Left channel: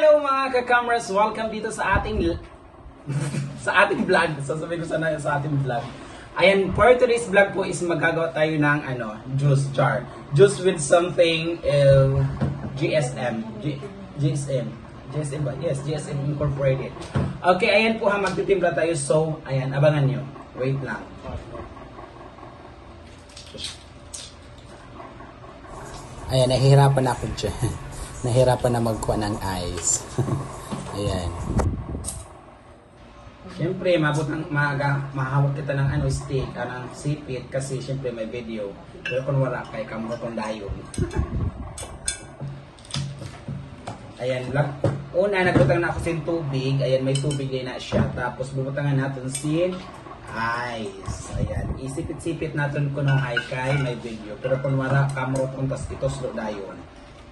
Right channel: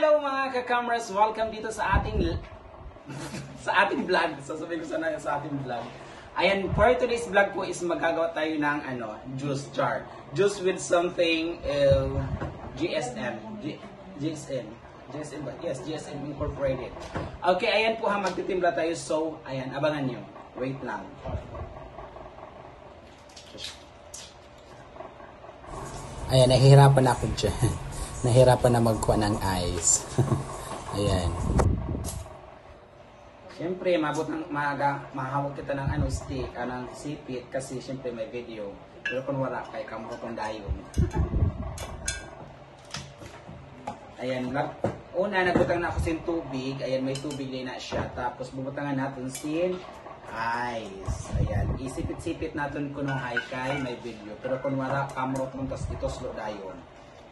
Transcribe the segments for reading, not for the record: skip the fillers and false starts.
Hello mga ka-cameras! Welcome dito sa ating sa ating vlog. Sasabihin ko sana sa ating vlog. Ayan, for today's vlog po is magagawa tayo ng juice jar. Juice with something GSM. GSM ba? Yes, GSM Incorporated. Okay, ayan po ha, magtitimpla tayo. So, ayan, abangan nyo. Wait lang. Ayan, nahihirapan ako dyan. Nahihirapan na magkuha ng ice. Ayan. Siyempre, mahawak kita ng stick, ng sipit, kasi siyempre may video. Pero kung wala, kay kamurotong dayon. Ayan, una, nagbutang na ako sin tubig. Ayan, may tubig na siya. Tapos, bubutangan natin sin ice. Ayan, isipit-sipit natin kung ay kay may video. Pero kung wala, kamurotong tas itoslo dayon.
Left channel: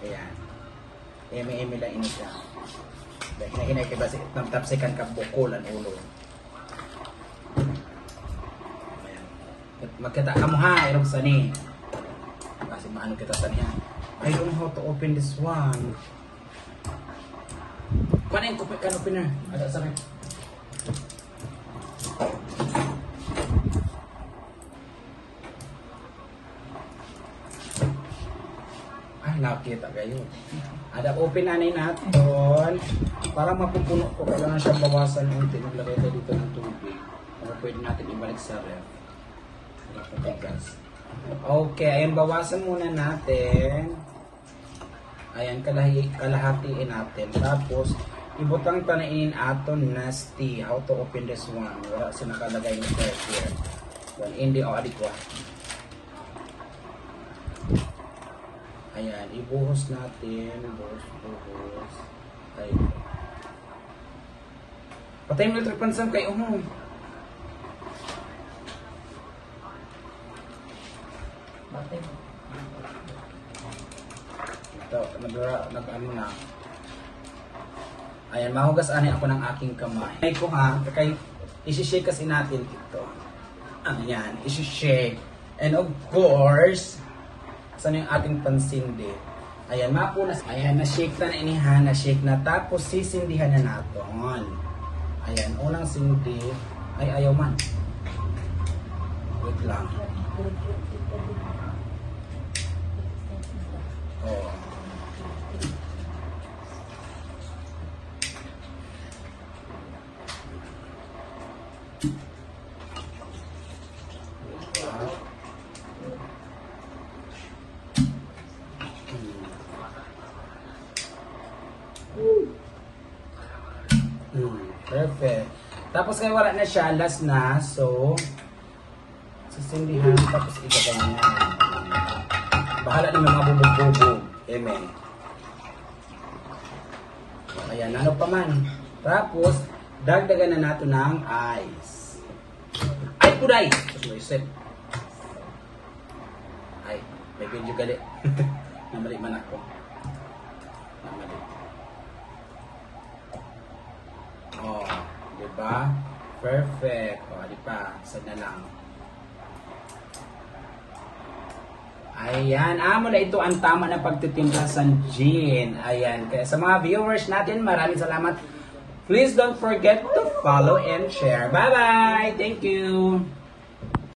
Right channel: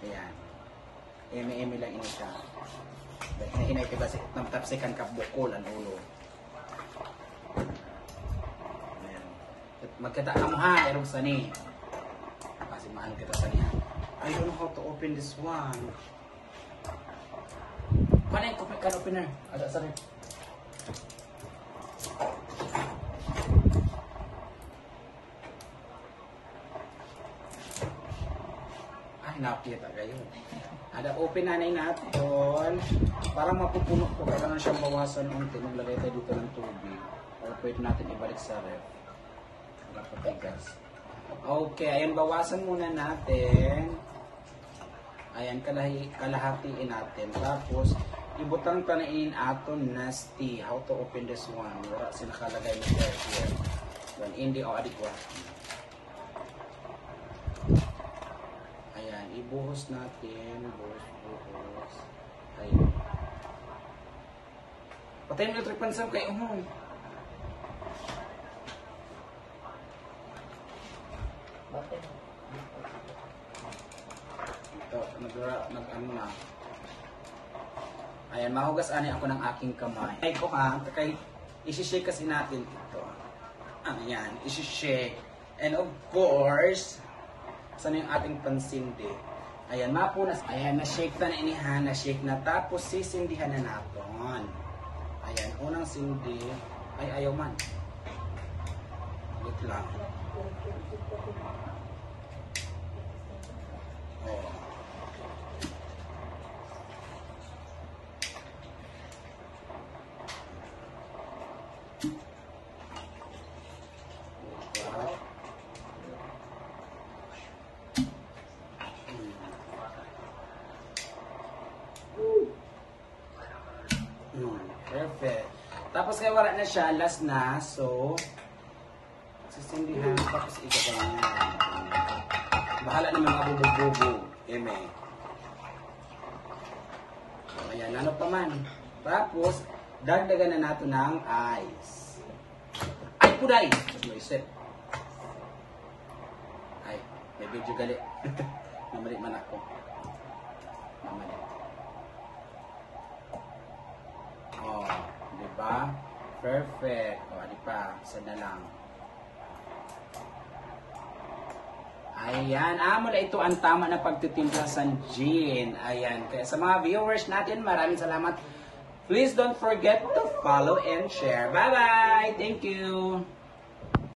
Ayan. Eme lang ini siya. Dahil hinay kaya tapsikan ka bukol ang ulo. Magkita ka mo ha, irong sani. Kasi maano kita sani ha. I don't know how to open this one. Paano yung kan opener? Ada sani. Ay, nakita kayo. Ada open anay natin. Para mapupuno ko, kailangan siyang bawasan unti. Maglagay tayo dito ng tubig. Para pwede natin ibalik sa ref. Okay, ayan, bawasan muna natin. Ayan, kalahatiin natin. Tapos, ibutang tanain aton nasty. How to open this one. Wala siya nakalagay na ref here. Well, hindi o adikwa. Ayan, ibuhos natin. Buhos. Ayan. Patay mo na pansam kay Batay mo. Ito, nag-ano na. Ayan, mahugas ani ako ng aking kamay. Ay ko ha, kay isi-shake kasi natin ito. Ayan, isi-shake. And of course, saan yung ating pansindi? Ayan, mapunas. Ayan, na-shake na inihan, na-shake na. Tapos, sisindihan na natin. Ayan, unang sindi. Ay, ayaw man. Wait lang. Oh. Perfect. Tapos kaya wala na siya, last na. So, sisindihan, tapos igaganyan. Bahala na may mga bubog-bubog. Eme. Ayan, ano pa man. Tapos, dagdagan na natin ng ice. Ay, kuday! Ay, may video gali. Namali man ako. Namali. Oh, diba? Perfect. Oh, diba? Sana lang. Ayan, amo na ito ang tama na pagtitimpla sa gin. Ayan, kaya sa mga viewers natin, maraming salamat. Please don't forget to follow and share. Bye-bye! Thank you!